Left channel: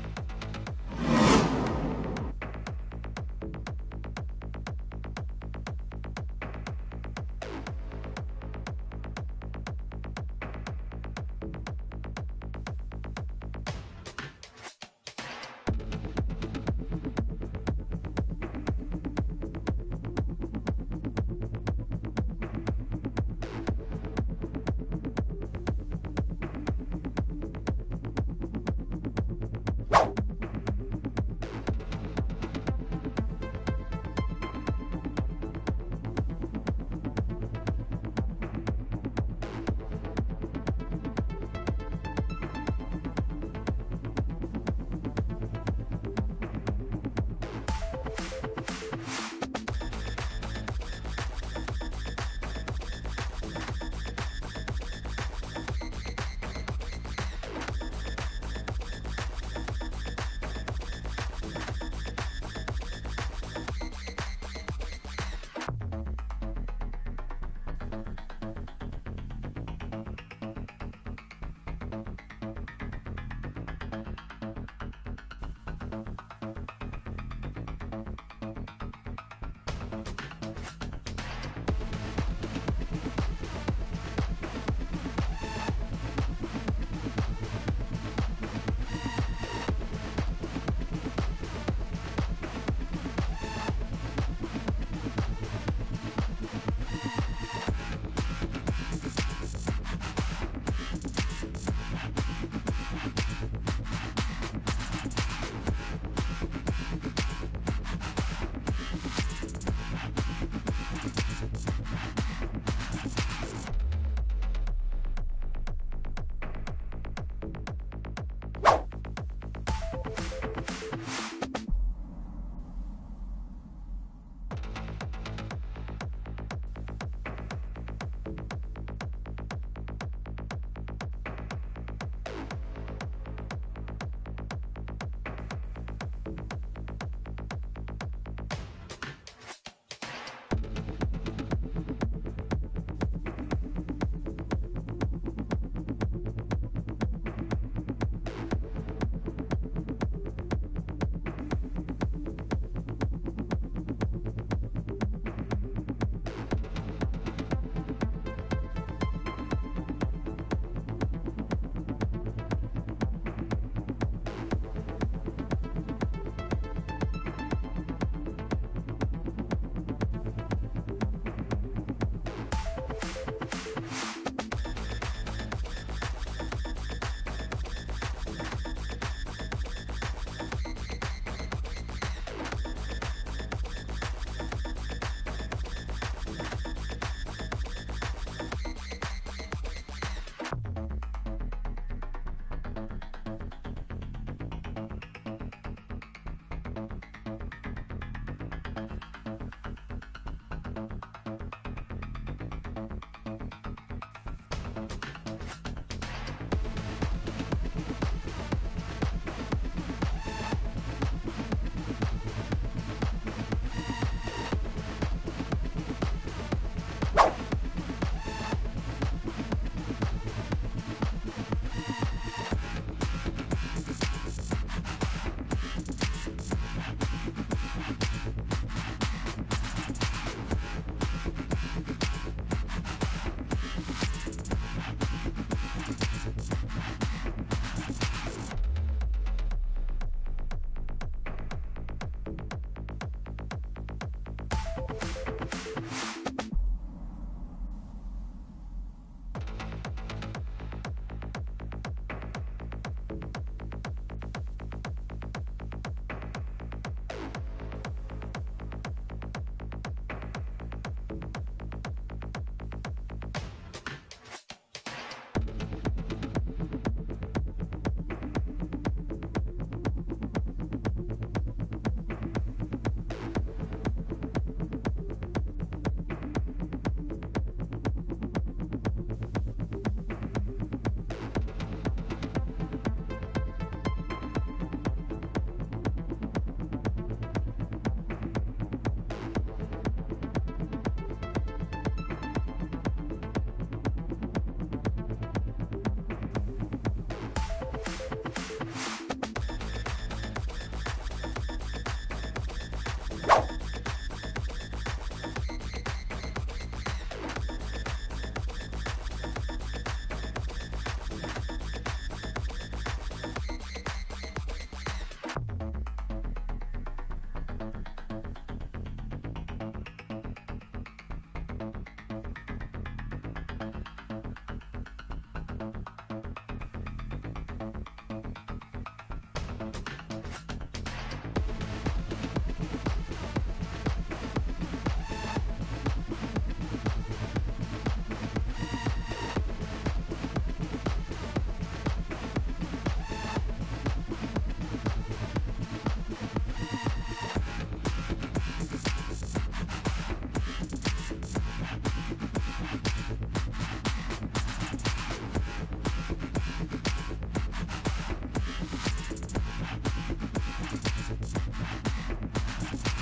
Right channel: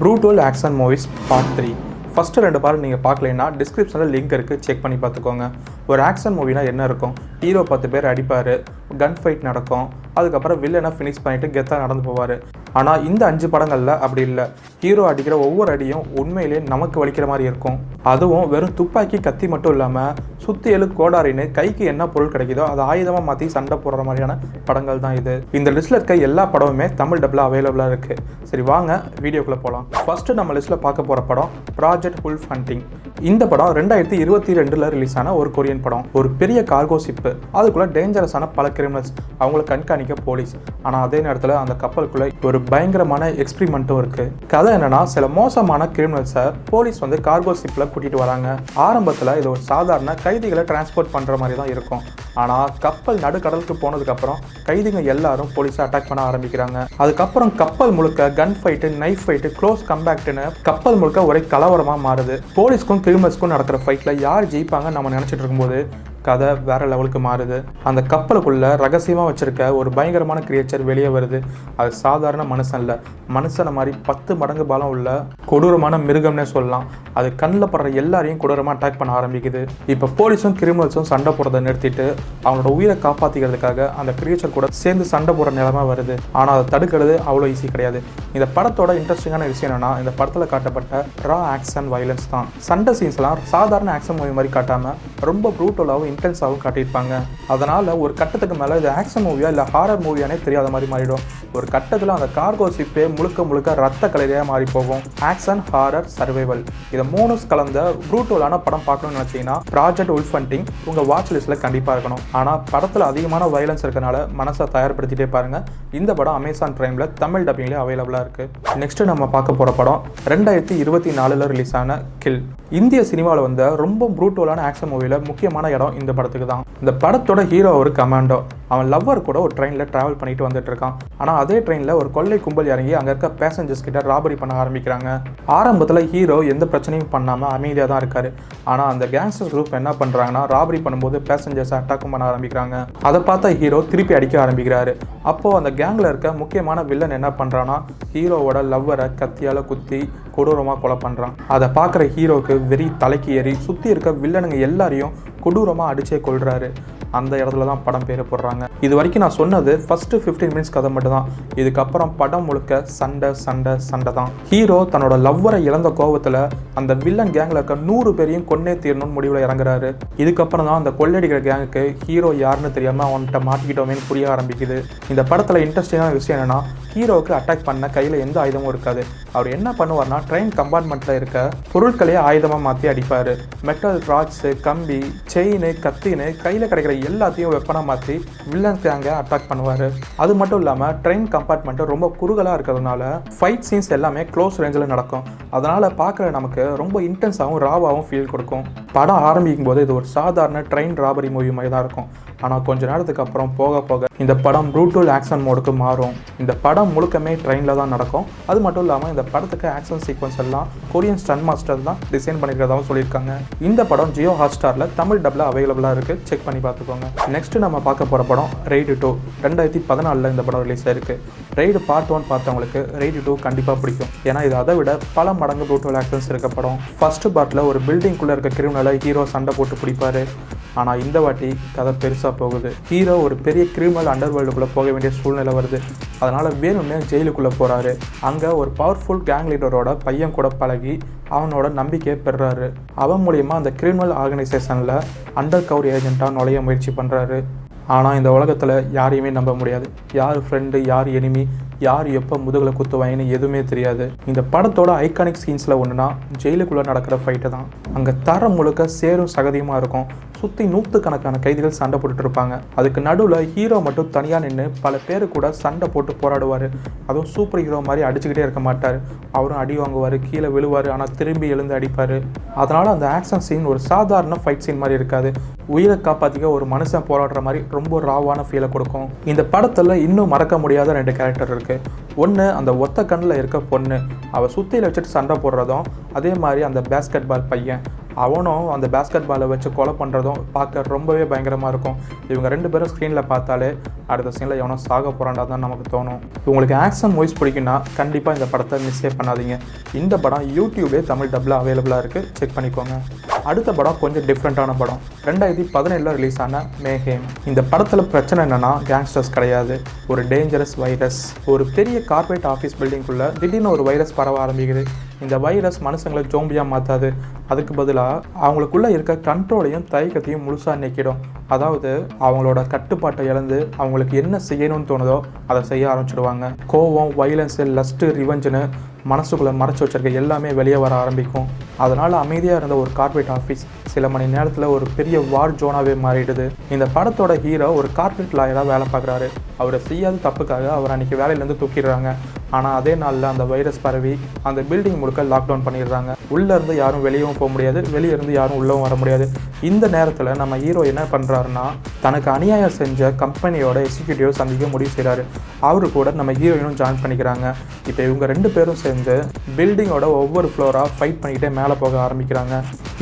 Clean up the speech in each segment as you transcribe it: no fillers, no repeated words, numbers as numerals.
Brutal action movies part 3. First 2 part நீங்கள் பார்க்கலைன்னா டிஸ்கிரிப்ஷனில் link இருக்குது, செக் பண்ணி பார்த்துக்கோங்க. ஒரு ஆக்ஷன் மூவினா என்ன இருக்கும்? ஹீரோ 10 பேர் அடிப்பார், கன் ஃபைட் நடக்கும், அதுக்கப்புறம் வில்லனை ஃபினிஷ் பண்ணிவிட்டு கெத்தாக நடந்து போவார். ஆனால் இந்த 5 படங்களில் அப்படி இல்லை. ஹீரோ அடிக்கிற ஒவ்வொரு அடியும் உண்மையிலே நமக்கு வலிக்கிற மாதிரி இருக்கும். அதுவும் வெறும் துப்பாக்கி கத்தி மட்டும் இல்லாமல் சுற்றி எழு கோடாரின்னு கைக்கு என்ன பொருள் கிடைக்குதோ அதை ஆயுதமாக மாற்றி சண்டை போடுற மாதிரியான படங்கள் தான் இது. இந்த லிஸ்ட்டில் இருக்க எல்லா படமுமே தமிழ் டப்பில் அவைலபிளாக இருக்குது. சரி வாங்க வீடியோக்குள்ளே போகலாம். ஃபஸ்ட்டு நம்ம லிஸ்ட்டில் பார்க்க போகிற படம் ப்ராஜெக்ட் வுல்ஃப் ஹண்டிங். இந்த படம் 2022 ரிலீஸ் ஆன ஒரு கொரியன் படம். ஒரு பெரிய கார்கோ ஷிப்பு, அதுக்குள்ளே டேஞ்சரஸான பல கிரிமினல்ஸ், அவங்கள கண்காணிக்க போலீஸ். ஆனால் அதே நேரத்தில் அந்த கப்பலுக்குள்ளே ஒரு பயங்கரமான எக்ஸ்பிரிமெண்ட்டும் இருக்குது. கதை என்னன்னா, சில மோசமான கிரிமினல்ஸை போலீஸ் கார்கோ ஷிப்பில் கூட்டிகிட்டு வராங்க. ஆரம்பத்தில் இது ஒரு சாதாரண கைதிகளை டிரான்ஸ்போர்ட் பண்ணுற மாதிரி தான் இருக்கும். ஆனால் கப்பல் நடுக்கடலுக்கு போனதுக்கப்புறம் கைதிகள் எல்லாரும் போலீஸை அட்டாக் பண்ண ஆரம்பிக்கிறாங்க. அதுக்கப்புறம் கப்பல் முழுக்க கன் ஃபைட்டு, நைஃப் ஃபைட்டு, க்ளோஸ் கம்பேக்ட்னு கப்பல் முழுக்க ஒரே கலவரமாக மாறுது. போலீஸ்க்கும் கிரிமினல்ஸ்க்கும் நடக்கிற ஃபைட்டில் யார் ஜெயிப்பாங்க நம்ம நினச்சிட்டு இருக்கும்போது கதை வேற லெவலுக்கு மாறுது. அந்த கப்பலுக்குள்ள ரகசியமாக வச்சிருக்க ஒரு பயங்கரமான கிரியேச்சர் வெளியே வருது. அது சாதாரண மனுஷன் இல்லை, மனுஷனை மாதிரி 10 மடங்கு பலம் உள்ள கொடூரமான மிருகம்னே சொல்லலாம். அது கண்ணில் படுற எல்லாரையும் கொடூரமாக அட்டாக் பண்ண ஆரம்பிக்குது. இப்போ போலீஸும் கிரிமினல்ஸும் சண்டை போடுறதை நிறுத்திட்டு அவனோட உயிரை காப்பாற்றிக்கிறதுக்காக அந்த கிரியேச்சர் கூட சேர்ந்து சண்டை போடுற நிலைமை வருது. ஆனால் அதை தடுக்கிறது அவ்வளோ ஈஸி கிடையாது. இந்த படத்தோட இன்ட்ரெஸ்டிங்கான விஷயம் என்னன்னா, இந்த படத்தில் காட்டப்பட்ட ரா ஆக்ஷன் வயலன்ஸ் தான். சண்டை சீன்ஸ்லாம் சாதாரண ஆக்ஷன் மூவி மாதிரி காட்டாமல் ரொம்ப ப்ரூட்டலாகவும் இன்டென்ஸாகவும் காட்டியிருப்பாங்க. அதனால் ஒரு கட்டத்துக்கு மேலே இது ஆக்ஷன் மூவியா இல்லை ஹாரர் மூவியானே தெரியாத மாதிரி மாறிடும். ஒரு கட்டத்தில் அந்த கார்கோ ஷிப்பே முழுக்க ரத்த கலரியாக மாறி போகும். ஆக்ஷன், ஹாரர், சர்வைவல் இதை 3 கலந்த ப்ரூட்டலான படம் பார்க்கணும்னு நினச்சிங்கன்னா ப்ராஜெக்ட் வுல்ஃப் ஹண்டிங் உங்கள் வாட்ச் லிஸ்ட்டில் கண்டிப்பாக இருக்கணும். ஆனால் படத்தில் அதிகமான வயலன்ஸ் இருக்கனால மனசை தயார்படுத்திட்டே பாருங்கள். இந்த படம் அமேசான் பிரைமில் தமிழ் டப்பிங்லேயே அவைலபிளாக இருக்குது. நெக்ஸ்ட்டு நம்ம பார்க்க போகிற படம் 2024 ரிலீஸ் ஆன கில். இந்திய சினிமாவில் வந்த ரொம்ப ப்ரூட்டலான ஆக்ஷன் மூவியில் முக்கியமான இடம் இந்த படத்துக்கு தான். இந்த படத்தோட ஹீரோ ஒரு கமாண்டோ. அவன் லவ்வர் கூட ஒரு ட்ரெயினில் ட்ராவல் பண்ணிட்டு வந்துட்டு இருக்கான். ஆனால் அதே ட்ரெயினில் ஒரு கொள்ளை கும்பல் இறங்கி அங்கே இருக்க பேசஞ்சர்ஸ் கிட்ட ராபரி பண்ண ஆரம்பிக்கிறாங்க. ஆரம்பத்தில் ஹீரோ எந்த பிரச்சனையும் பண்ணாமல் அமைதியாக தான் இருக்காரு. ஆனால் அந்த கேங்ஸ்டர் குரூப் என்ன பண்ணுறாங்கன்னா, ராபரி பண்ணும்போது பேசஞ்சர்ஸை அட்டாக்கும் பண்ண ஆரம்பிக்கிறாங்க. அதை பார்த்தா ஹீரோ திருப்பி அடிக்க ஆரம்பிக்கிறாரு. அப்போது அந்த கேங்கில் இருக்க முக்கியமான வில்லன் என்ன பண்ணுறான்னா, ஹீரோவோட லவ்வரை கத்தியால் குத்தி கொடூரமாக கொலை பண்ணுறான். அதை பார்க்குற ஹீரோவுக்கு வெறி தலைக்கு ஏறி சுற்றி இருக்க வில்லனுங்க எல்லாரையும் கொடூரமாக அடிச்சே கொள்றாரு. அந்த இடத்துல தான் படம் பேர் போடுறாங்க. இது வரைக்கும் நான் சொன்னது ஃபர்ஸ்ட் 15 மினிட்ஸ் கதை மட்டும் தான். இதுக்கப்புறம் படம் முழுக்க சண்டை தான். ஹீரோ தன்னோட லவ்வரை இழந்த கோபத்தில் அந்த வில்லன் கேங்கில் இருக்க 100 பேரையும் கொன்னே தீரணும்னு முடிவில் இறங்குறாரு. இதுக்கப்புறம் தான் அந்த கொள்ளடிக்கிற கேங்குக்கு ஹீரோ யாருன்னு தெரியாமல் அவன்கிட்ட மாட்டிக்கிட்டோமேனு புரிய ஆரம்பிக்குது. இந்த படத்தில் இன்ட்ரெஸ்டிங்கான விஷயம் என்னன்னா, ஹீரோவுக்கு அட்டாக் பண்ண கையில் எந்த ஆயுதமும் இருக்காது. அவர் என்ன பண்ணுவார்னா, ட்ரெயின் கம்பார்ட்மெண்ட்டில் இருக்க பொருட்களையே ஆயுதமாக மாற்றி அடிப்பார். மெட்டல் ராட்ஸு, கம்பி, செயின், கத்தின்னு கையில் கிடைக்கிற எல்லாத்தையும் வெப்பனாக மாற்றி வில்லன் கேங்கை அட்டாக் பண்ணுவார். அது மட்டும் இல்லாமல் ட்ரெயின் கம்பார்ட்மெண்ட்டு ரொம்ப குறுகலாக இருக்கிறதுனால ஃபைட் சீன்ஸ் எல்லாமே க்ளோஸ் ரேஞ்சில் நடக்கும். அதனால் பார்க்குற நமக்கு ரொம்ப இன்டென்ஸாகவும் ராவாகவும் ஃபீல் கொடுக்கும். படம் ஆரம்பிக்கும் போது இது ஒரு சாதாரண ட்ரெயின் ராபரி மூவி மாதிரி தான் இருக்கும். ஆனால் கொஞ்ச நேரத்துக்கு அப்புறம் போக இந்த படம் ப்ரூட்டல் ஆக்ஷன் மோடுக்கு மாறும். இந்த படம் முழுக்கமே ட்ரெயினில் தான் நடக்கும். அது மட்டும் இல்லாமல் இந்த படத்துக்கு ஆக்ஷன் சீக்வன்ஸ் எல்லாம் கொரியன் ஸ்டன் மாஸ்டர் தான் டிசைன் பண்ணிக்கிறதாகவும் சொல்லியிருக்காங்க. இந்த படம் ஜியோ ஹாட்ஸ்டாரில் தமிழ் டப்பில் அவைலபிளாக இருக்குது, செக் பண்ணி பார்த்துக்கோங்க. நெக்ஸ்ட்டு நம்ம பார்க்க போகிற படம் ரெய்டு 2. 2014 இந்த படம் ரிலீஸ் ஆயிருக்கு. ரெய்டு பார்ட் 1 பார்த்தவங்களுக்கு ரெய்டு 2 கண்டிப்பாக பிடிக்கும். ஏன்னா இது அதை விட பல மடங்கு ப்ரூட்டல் ஆக்ஷன்ஸ் இருக்க படம். ஃபர்ஸ்ட் பார்ட்டில் ஒரு பில்டிங்குள்ளே இருக்க கிரிமினலை ஹீரோ சண்டை போட்டு பிடிப்பாரு. ஆனால் இந்த வாட்டி கதை பெருசாக போகுது. ஹீரோ ஒரு பெரிய கிரிமினல் அண்டர் வேர்ல்டுக்குள்ளே போக வேண்டிய சூழ்நிலை வருது. அதனால் வேணும்னே ஜெயிலுக்குள்ளே போகிறாரு. அங்கே ஒரு பவர்ஃபுல் கேங் லீடரோட பையன் கூட பழகி அவனோட நம்பிக்கையை பெறுறாரு. அவன் மூலிமா அந்த கிரிமினல் ஆர்கனைசேஷனில் அண்டர் கவர் ஏஜென்ட்டாக நுழைய முயற்சி பண்ணுறாரு. ஆனால் இந்த உலகத்தில் யாரையுமே நம்ப முடியாது. யார் ஃப்ரெண்டு, யார் எனிமி, யார் எப்போ முதுகில் குத்துவாங்கன்னு எதுவுமே தெரியாது. இந்த படத்தோட ஐகானிக் சீன்ஸில் ஒன்றுனா ஜெயிலுக்குள்ளே நடக்கிற ஃபைட்டு தான். அங்கே தரம் முழுக்க சேரும் சகதியமாக இருக்கும். சுற்றி 100கணக்கான கைதிகள் சண்டை போட்டுட்டு இருப்பாங்க. அதுக்கு நடுவில் ஹீரோ மட்டும் தனியாக நின்று பல பேர் கூட சண்டை போட்டு போராடுவார். அதுவும் சூப்பர் ஹீரோ மாதிரி அடிச்சுக்கிட்டே இருக்க மாட்டார். அவரும் அடி வாங்குவார், கீழே விழுவார், ஆனால் திரும்பி எழுந்து அடிப்பார். அதனால் அந்த ஆக்ஷன் சீன் ஒரு சாதாரண ஃபைட் சீன் மாதிரி இருக்காது. உயிரை காப்பாற்றிக்க ஒரு மனுஷன் போராடுற மாதிரி ரொம்ப ராவான ஃபீலை கொடுக்கும். இந்த படத்தில் இன்னும் மறக்க முடியாத 2 கேரக்டர் இருக்குது. ஒன்று அந்த ஒத்த கண்ணில் இருக்க பொண்ணு, அவள் சுத்தியில் வச்சுட்டு சண்டை போடுறதும், அதே மாதிரி அந்த பேஸ்கெட் பால் பையன். அவனும் அந்த பேஸ்கெட் பாலை வச்சு கொலை பண்ணுறதும் பார்க்க ரொம்பவே பயங்கரமாக இருக்கும். இவங்க 2 பேரும் ஸ்க்ரீனில் பார்த்தாலே அடுத்த சீனில் எவனோ சாக போகிறாண்டா தான் நமக்கு தோணும். உங்களுக்கு ஆக்ஷன் மூவிஸ் பிடிக்குன்னா கண்டிப்பாக இந்த படத்தை மிஸ்ஸே பண்ணாதீங்க. இந்த படம் யூடியூப்லேயே தமிழ் டப்பில் அவைலபிளாக இருக்குது, செக் பண்ணிக்கோங்க. அடுத்த படம் கொஞ்சம் டிஃப்ரெண்ட்டான படம். 2017 ரிலீஸ் ஆன மேஹேம். இந்த படத்தில் பிரச்சனை என்னென்னா கேங்ஸ்டர்ஸ் கிடையாது, ஒரு டேஞ்சரஸ் வைரஸ். ஒரு பெரிய கார்ப்பரேட் ஆஃபீஸ் பில்டிங்குள்ளே திடீர்னு ஒரு வைரஸ் பரவ ஆரம்பிக்குது. இந்த வைரஸ் மனுஷங்களை ஜோம்பியாக மாற்றாது, அதுக்கு பதிலாக அவங்களுக்குள்ளே இருக்க கண்ட்ரோலையும் தயக்கத்தையும் முழுசாக நீக்கிடும். அதாவது அவங்களோட கட்டுப்பாட்டை இழந்து அவங்களுக்கு என்ன செய்யணும்னு தோணுதோ அதை செய்ய ஆரம்பிச்சிடுவாங்க. கோவம், வைலன்ஸு, லஸ்ட்டு, ரிவெஞ்சுன்னு மனசுக்குள்ளே மறைச்சி வச்சிருக்க எல்லாமே வெளியே வர ஆரம்பிக்கும். அதனால் அமைதியாக இருந்த ஒரு கார்ப்பரேட் ஆஃபீஸ் சில மணி நேரத்தில் ஒரு பெரிய வார் ஜோனாகவே மாறிடுது. இந்த படத்தோட ஹீரோ ஒரு கார்ப்பரேட் லாயராக வேலை பார்க்குறாரு. அவரை செய்யாத தப்புக்காக அவர் அன்றைக்கி வேலையிலேருந்து தூக்கிடுறாங்க. ஆனால் அதே நாளில் அந்த வைரஸ் பரவி அந்த பில்டிங் முழுக்க லாக்டவுன் பண்ணிடுறாங்க. உள்ளேருந்து யாரும் வெளியவும் போக முடியாது, வெளியே இருந்து யாரும் உள்ளவும் வர முடியாது. இந்த நேரத்தில் நம்ம ஹீரோ என்ன பண்ணுறாருன்னா, தனக்கு அநியாயம் செஞ்ச கம்பெனியோட எக்ஸிக்யூட்டிவ் சந்திக்க முடிவு செய்கிறாரு. அவரு கூட நம்ம ஹீரோயினும் ஜாயின் பண்ணிக்கிறாங்க. இப்போ இவங்க 2 பேரும் சேர்ந்து பில்டிங்கோட ஒவ்வொரு ஃப்ளோராக ஃபைட் பண்ணிக்கிட்டே மேலே போக ஆரம்பிக்கிறாங்க.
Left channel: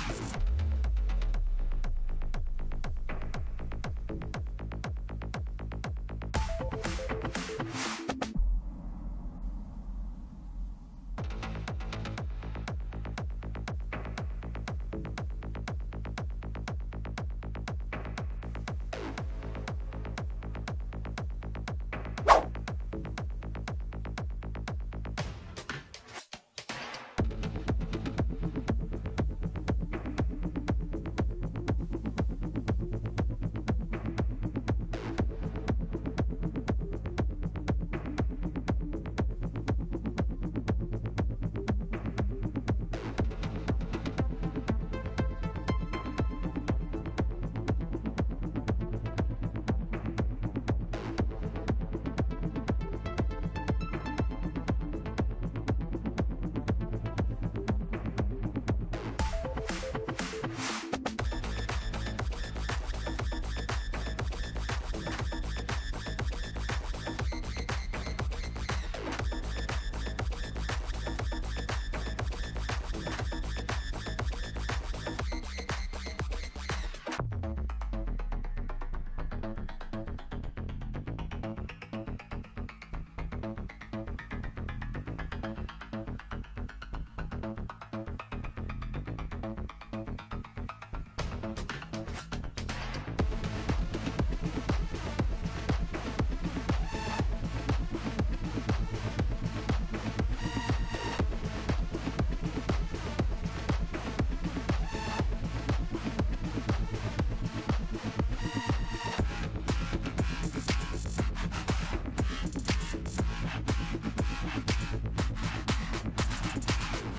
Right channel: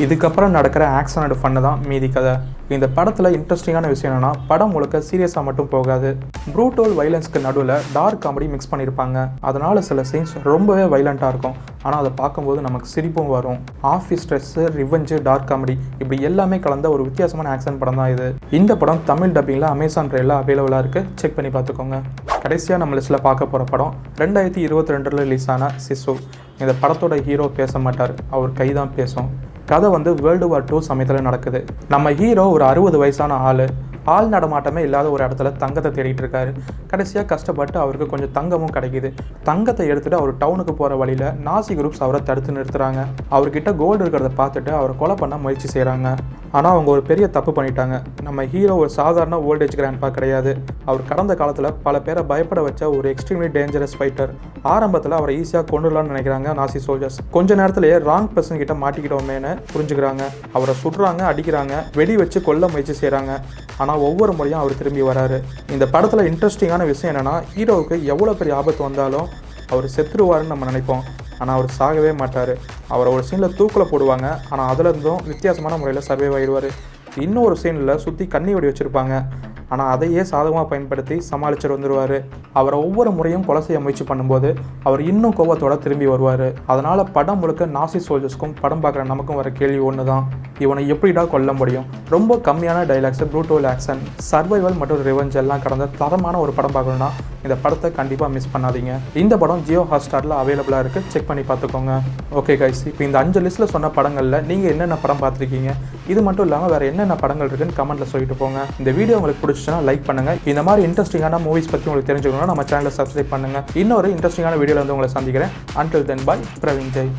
இதுக்கப்புறம் நடக்கிற ஆக்ஷன் அண்ட் ஃபன்னு தான் மீதி கதை. இந்த படத்தில் இன்ட்ரெஸ்டிங்கான விஷயம் என்னென்னா, படம் முழுக்க சீரியஸாக மட்டும் போகாது, ப்ரூட்டல் வைலன்ஸ்க்கு நடுவில் டார்க் காமெடி மிக்ஸ் பண்ணியிருப்பாங்க. அதனால் சில சீன்ஸ் ரொம்பவே வைலண்ட்டாக இருக்கும், ஆனால் அதை பார்க்கும்போது நமக்கு சிரிப்பும் வரும். Office stress, revenge, dark comedy இப்படி எல்லாமே கலந்த ஒரு வித்தியாசமான ஆக்ஷன் படம் தான் இது. இந்த படம் தமிழ் டப்பிங்கில் அமேசான் ப்ரைமில் அவைலபிளாக இருக்குது, செக் பண்ணி பார்த்துக்கோங்க. கடைசியாக நம்ம லிஸ்ட்டில் பார்க்க போகிற படம் 2022 ரிலீஸ் ஆன சிசு. இந்த படத்தோட ஹீரோ பேச மாட்டார், அவர் கை தான் பேசும். கதை வந்து வேர்ல்டு வார் 2 சமயத்தில் நடக்குது. நம்ம ஹீரோ ஒரு 60 வயசான ஆள் நடமாட்டமே இல்லாத ஒரு இடத்துல தங்கத்தை தேடிட்டு இருக்காரு. கடைசியாக கஷ்டப்பட்டு அவருக்கு கொஞ்சம் தங்கமும் கிடைக்கிது. தங்கத்தை எடுத்துகிட்டு அவர் டவுனுக்கு போகிற வழியில் நாசி குரூப்ஸ் அவரை தடுத்து நிறுத்துறாங்க. அவர்கிட்ட கோல்டு இருக்கிறத பார்த்துட்டு அவரை கொலை பண்ண முயற்சி செய்கிறாங்க. ஆனால் அவங்க ஒரு பெரிய தப்பு பண்ணிட்டாங்க. நம்ம ஹீரோ ஒரு சாதாரண ஓல்டேஜ் கிராண்ட்பா கிடையாது. அவர் கடந்த காலத்தில் பல பேரை பயப்பட வச்ச ஒரு எக்ஸ்ட்ரீம்லி டேஞ்சரஸ் ஃபைட்டர். ஆரம்பத்தில் அவரை ஈஸியாக கொண்டுடலாம்னு நினைக்கிறாங்க நாசி சோல்ஜர்ஸ். கொஞ்ச நேரத்திலேயே ராங் பர்சன் கிட்ட மாட்டிக்கிட்டோமேனு புரிஞ்சுக்கிறாங்க. அவரை சுடுறாங்க, அடிக்கிறாங்க, வெடி வச்சு கொல்ல முயற்சி செய்கிறாங்க. ஆனால் ஒவ்வொரு முறையும் அவர் திரும்பி வராரு. இந்த படத்தில் இன்ட்ரெஸ்டிங்கான விஷயம் என்னென்னா, ஹீரோவுக்கு எவ்வளோ பெரிய ஆபத்து வந்தாலும் அவர் செத்துருவாருன்னு நம்ம நினைப்போம், ஆனால் அவர் சாகவே மாட்டார். அவரை ஒரு சீனில் தூக்கில் போடுவாங்க, ஆனால் அதில் இருந்தும் வித்தியாசமான முறையில் சர்வைவ் ஆகிடுவார். இன்னொரு சீனில் சுற்றி கண்ணி வெடி வச்சுருப்பாங்க, ஆனால் அதையே சாதகமாக பயன்படுத்தி சமாளிச்சுட்டு வந்துடுவார். அவரை ஒவ்வொரு முறையும் கொலை செய்ய முயற்சி பண்ணும்போது அவர் இன்னும் கோபத்தோடு திரும்பி வருவார். அதனால் படம் முழுக்க நாசி சோல்ஜர்ஸ்க்கும் படம் பார்க்குற நமக்கும் வர கேள்வி ஒன்று தான், இவனை எப்படிடா கொல்ல முடியும்? ரொம்ப கம்மியான டைலாக்ஸு, ப்ரூட்டல் ஆக்ஷன், சர்வைவல் மற்றும் ரிவெஞ்ச் எல்லாம் கடந்த தரமான ஒரு படம் பார்க்கணுன்னா இந்த படத்தை கண்டிப்பாக மிஸ் பண்ணாதீங்க. இந்த படம் ஜியோ ஹாட்ஸ்டாரில் அவைலபிளாக இருக்குது, செக் பண்ணி பார்த்துக்கோங்க. ஓகே கைஸ், இப்போ இந்த 5 லிஸ்ட்டில் சொன்ன படங்களில் நீங்கள் என்னென்ன படம் பார்த்துருக்கீங்க, இது மட்டும் இல்லாமல் வேறு என்னென்ன படங்கள் இருக்குன்னு கமெண்ட்டில் சொல்லிட்டு போங்க. இந்த வீடியோ உங்களுக்கு பிடிச்சிச்சுன்னா லைக் பண்ணுங்கள். இந்த மாதிரி இன்ட்ரெஸ்டிங்கான மூவிஸ் பற்றி உங்களுக்கு தெரிஞ்சுக்கணும்னா நம்ம சேனலை சப்ஸ்கிரைப் பண்ணுங்கள். இன்னொரு இன்ட்ரெஸ்டிங்கான வீடியோவில் வந்து உங்களை சந்திக்கிறேன். அன்டில் தென் பாய், பிரவீன் ஜெய்.